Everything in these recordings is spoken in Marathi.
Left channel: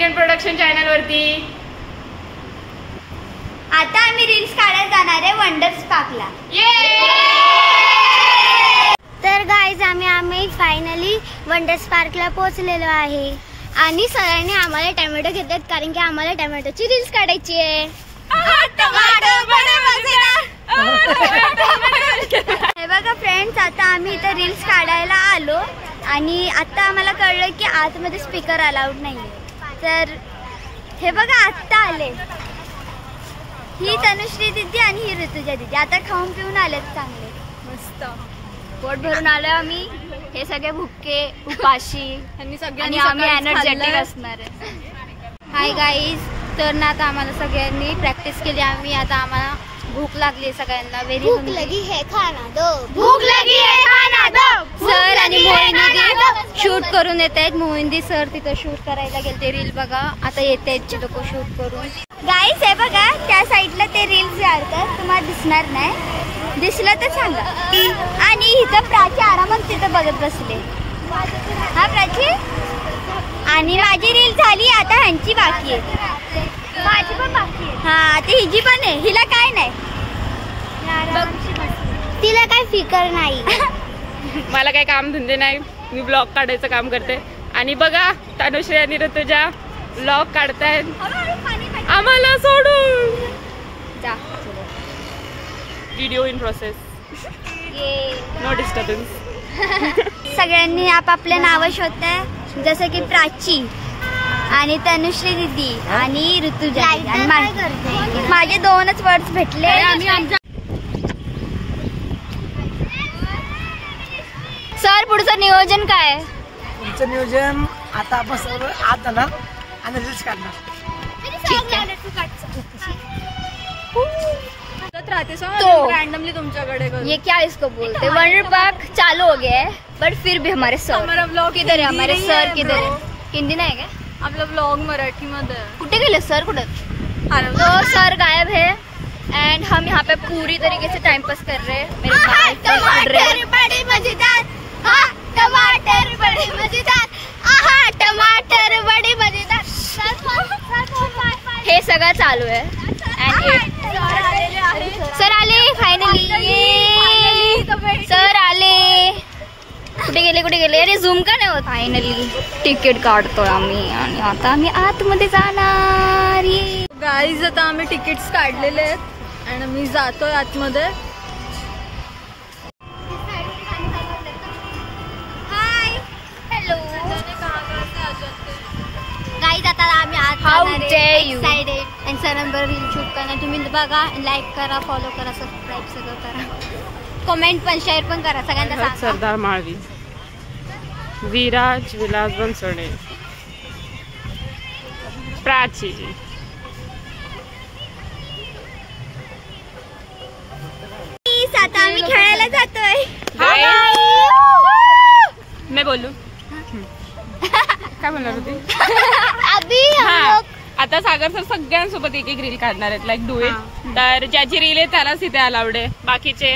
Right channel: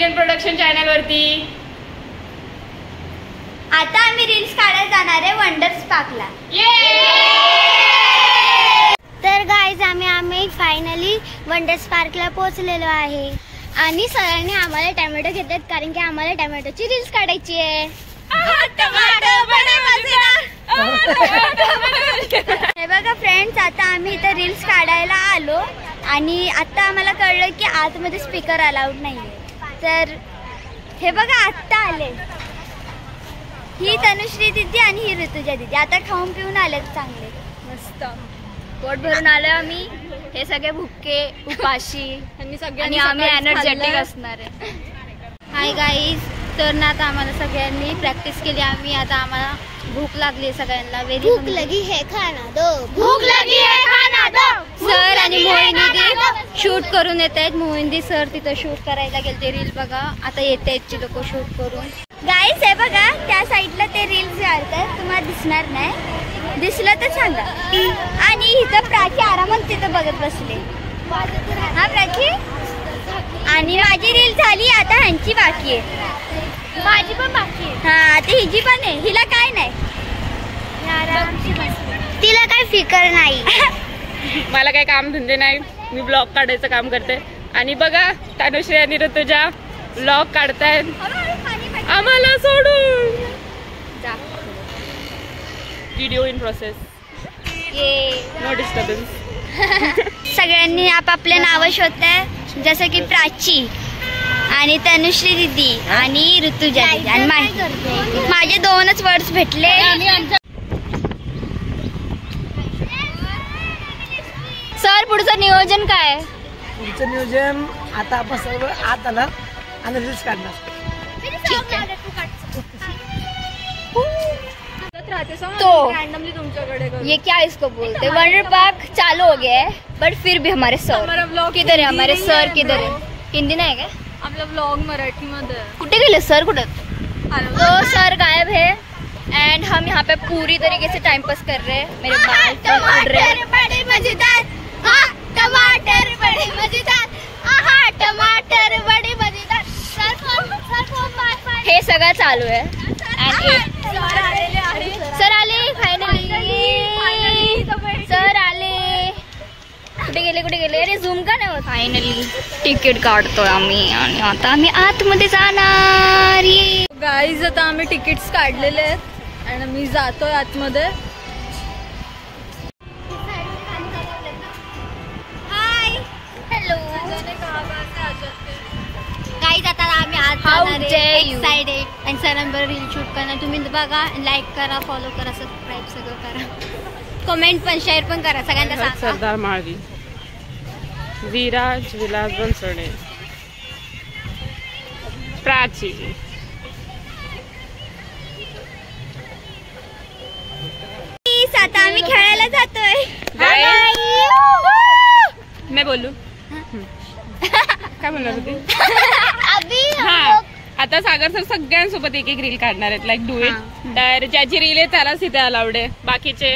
चिकन प्रोडक्शन चॅनल वरती. आता आम्ही रील्स काढायला जाणार आहे वंडर स्पार्कला. तर गाईज आम्ही फायनली वंडर स्पार्कला पोहोचलेलो आहे आणि सरांनी आम्हाला टोमॅटो घेतात कारण की आम्हाला टोमॅटोची रील्स काढायची आहे. हे बघा फ्रेंड्स, आता आम्ही इथं रील्स काढायला आलो आणि आता आम्हाला कळलं की आतमध्ये स्पीकर अलाउड नाहीये. तर हे बघा आत्ता आले, ही तनुश्री दीदी आणि ही ऋतुजा दीदी. आता खाऊन पिऊन आले चांगले मस्त पोट भरून आलोय आम्ही. हे सगळे भुके उपाशी आणि आम्ही एनर्जेटिक असणार आहे. हाय गाईज, तर ना आता आम्हाला सगळ्यांनी प्रॅक्टिस केली आम्ही. आता आम्हाला भूक लागली सगळ्यांना. भूक लगी है खाना दो, भूक लगी है खाना दो. सर आणि मोहिनी शूट करून येत आहेत. मोहिनी सर तिथं शूट करायला गेलते रील. बघा आता येत आहेत लोक शूट करून. गाईज हे बघा त्या साईडला ते रील्स काढतात, तुम्हाला दिसणार नाही, दिसलं तर सांगा. आणि इथं प्राची आरामात तिथं बघत बसले. हा प्राची, आणि माझी रील झाली, आता ह्यांची बाकी आहे. माझी पण बाकी आहे. हा आता हिची पण आहे. हिला काय नाही, तिला काय फिकर नाही. मला काही काम धंदे नाही, मी ब्लॉग काढायचं काम करते. आणि बघा तनुश्री आणि ऋतुजा ब्लॉग काढतायत आम्हाला सोडून. Video in process, no disturbance. सगळ्यांनी आपापले नाव शोधताय, जसं की प्राची आणि तनुश्री दीदी आणि ऋतुजा. आणि माझे 2च वर्ड्स भेटले. सर पुढचं नियोजन काय? पुढचं नियोजन आता आपण सर्व आत आला आणि रील्स काढणार. ठीक है. तो रैंडमली तुमच्याकडे ये क्या इसको बोलते, वंडर पार्क चालू हो गया है बट फिर भी हमारे सर किधर है? हमारे सर किधर है? हिंदी नाही का आपला ब्लॉग मराठी मध्ये? कुठे गेले सर? कुठे? तो सर गायब है एंड हम यहाँ पे पूरी तरीके से टाइम पास कर रहे हैं. मेरे बाल उड़ रहे हैं. बड़े मजेदार, हाँ टमाटर बड़े मजेदार, आहा टमाटर बड़े मजेदार. हे सगळं चालू आहे. सर आले फायनली, सर आले. कुठे गेले? अरे झूम का नाही होत. फायनली तिकीट काढतोय आम्ही आणि आता आम्ही आतमध्ये जाणार. गाईज आता आम्ही तिकीट्स काढलेले आहेत आणि मी जातोय आतमध्ये. हाय हॅलो गाईज, आता आम्ही आत एक्साइटेड आणि सरांबरोबर रील शूट करणार. तुम्ही बघा, लाईक करा, फॉलो करा, सबस्क्राईब सगळं करा, कमेंट पण शेअर पण करा सगळ्यांना. सरदार माळवी, विराज विलास बनसोडे, प्राची. आता आम्ही खेळायला जातोय. मी बोलू काय बोलणार होती? हा आता सागर सर सगळ्यांसोबत एक रील काढणार आहेत. Like do it. तर ज्याची रील आहे त्यालाच इथे अलाउड आहे. बाकीचे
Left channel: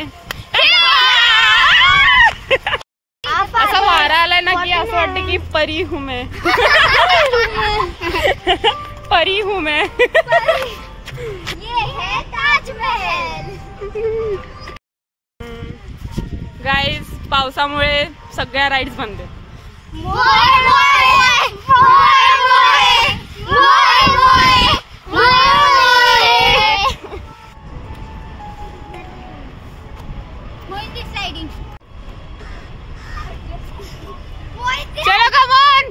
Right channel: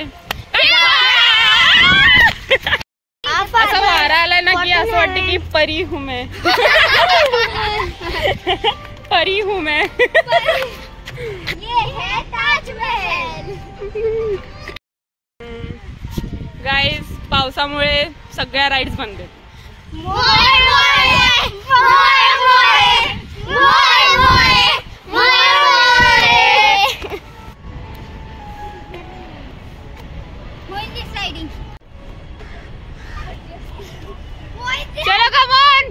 असा वारा आलाय ना की असं वाटतं की परी हूं मैं. परी हूं मैं. ये है ताजमहल. गाईज पावसामुळे सगळ्या राईड्स बंद आहेत. चलो कमॉन.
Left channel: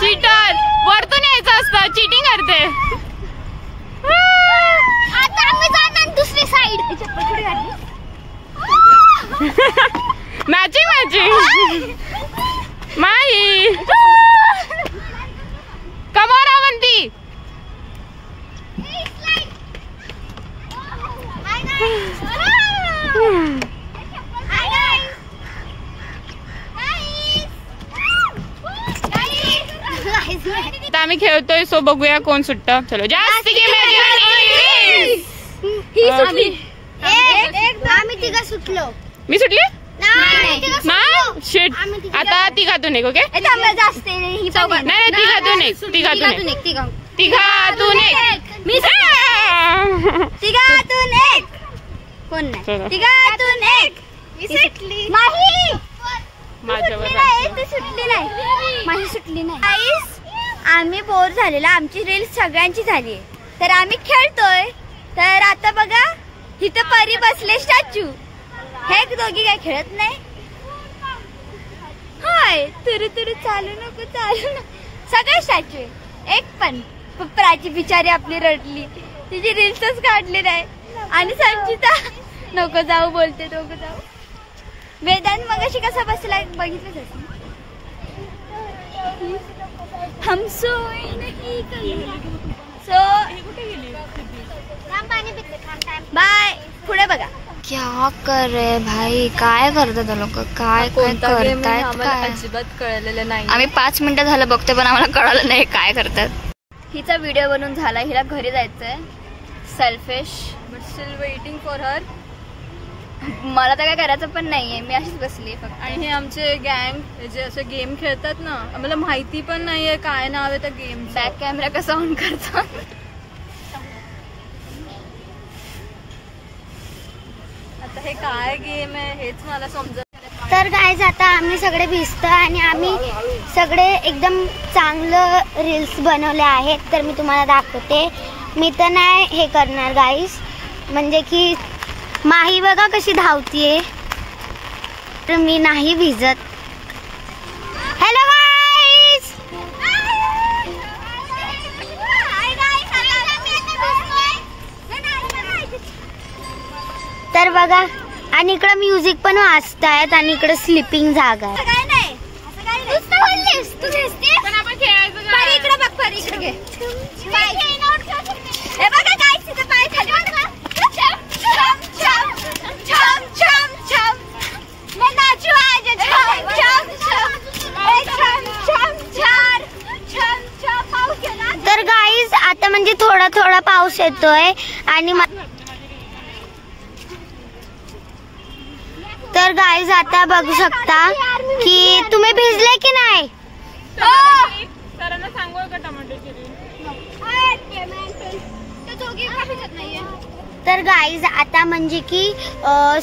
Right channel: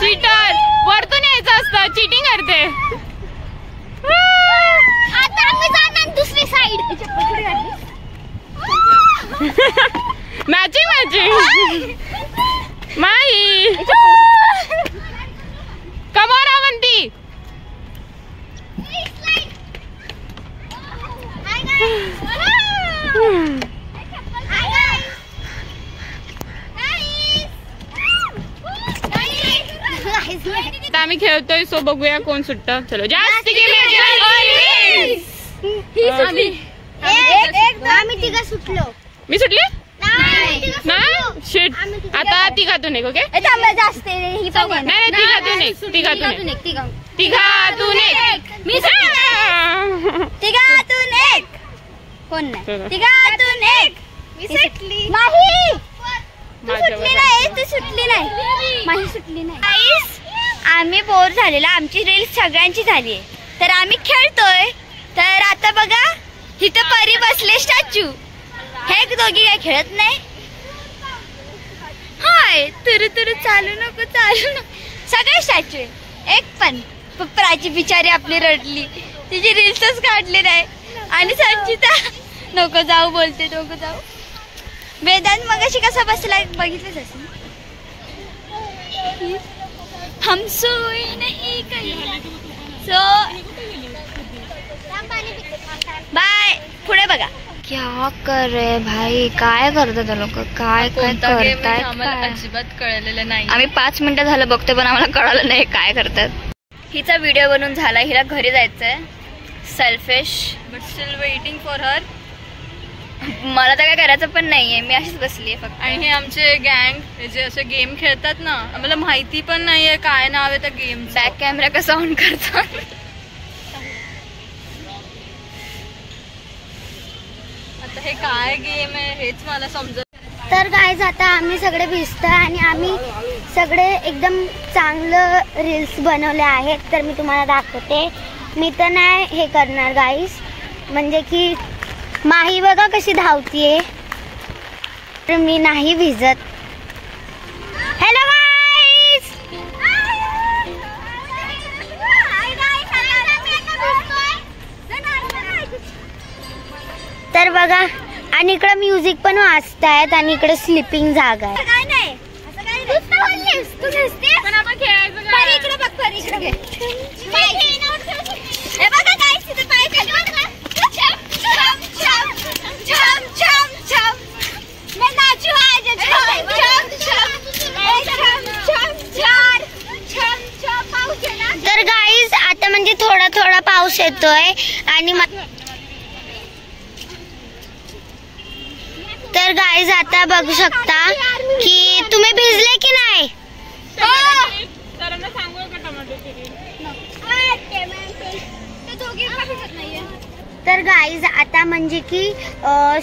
चीटर वरतून यायचं असतं, चीटिंग करते. आता आम्ही जाणार दुसरी साईड. मॅचिंग माई. कमॉन अवंती. आम्ही खेळतोय, सो बघूया कोण सुटतं. चलो जास्त आम्ही तिघं सुटलो. मी सुटली नाही. ना. शिट आता तिघातून एक. ओके जास्त नाही तिघातून एक. तिघातून एक. मी तिघातून एक. कोण नाही तिघातून एक. मी सुटली माही. माझ्यावर सुटली नाही माही सुटली नाही. आम्ही बोर झालेला. आमची रील सगळ्यांची झाली आहे तर आम्ही खेळतोय. तर आता बघा इथं परी बसले स्टॅच्यू. हे दोघी काय खेळत नाही. हाय तुरु तुरु चालू नको सगळे स्टॅच्यू आहे. एक पण पुप्राची बिचारी आपली रडली. तिची रील्सच काढली नाही. आणि संचिता नको जाऊ बोलते. नको जाऊ. वेदांत मगाशी कसा बसला बघितलंच असेल. हम सोए नहीं कहीं. So bye. पुढे बघा. क्या कर रे भाई. काय करतात लोक. काय काय करतायत काय अजिबात कळलेलं नाही. आम्ही 5 मिनिटं झालं बघतोय पण आम्हाला कळालं नाही काय करतात. हिचा व्हिडिओ बनवून झाला. हिला घरी जायचंय. Selfish but still waiting for her. मला तर काय करायचं पण नाहीये. मी अशीच बसलीये फक्त. आणि हे आमचे गँग जे असे गेम खेळतात ना आम्हाला माहिती पण नाहीये काय नाव आहे त्या गेम. बॅक कॅमेरा कसा ऑन करतात. आता हे काय गेम आहे हेच मला समजत. तर गाईज आता आम्ही सगळे भिजतोय आणि आम्ही सगळे एकदम चांगलं रील्स बनवले आहेत. तर मी तुम्हाला दाखवते. मी तर नाही हे करणार गाईज. म्हणजे की माही बघा कशी धावतीये. तर मी नाही भिजत. Hello guys. तर बघा आणि इकडे म्युझिक पण वाजतायत आणि इकडे स्लीपिंग जागा आहे. काय नाही पण आपण खेळायचं इकडे बघ. परी इकडे घे. हे बघा गाईस तिथे पाय खाली. छम छम छम छम छम मैं नाचू आज. छम छम छम छम छम छम छम पाऊस येणार. तर गाईस आता म्हणजे थोडा थोडा पाऊस येतोय आणि तर गाईज आता बघू शकता की तुम्ही भिजले की नाही. सरांना सांगू का टमाटोची. तर गाईज आता म्हणजे की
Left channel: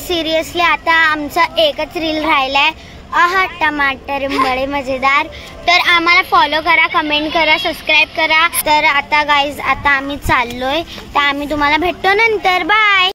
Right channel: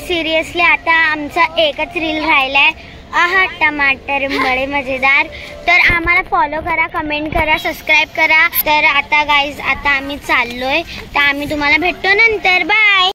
सिरियसली आता आमचा एकच रील राहिलाय. आहा टमाटर बडे मजेदार. तर आम्हाला फॉलो करा, कमेंट करा, सबस्क्राईब करा. तर आता गाईज आता आम्ही चाललोय. तर आम्ही तुम्हाला भेटतो नंतर. बाय.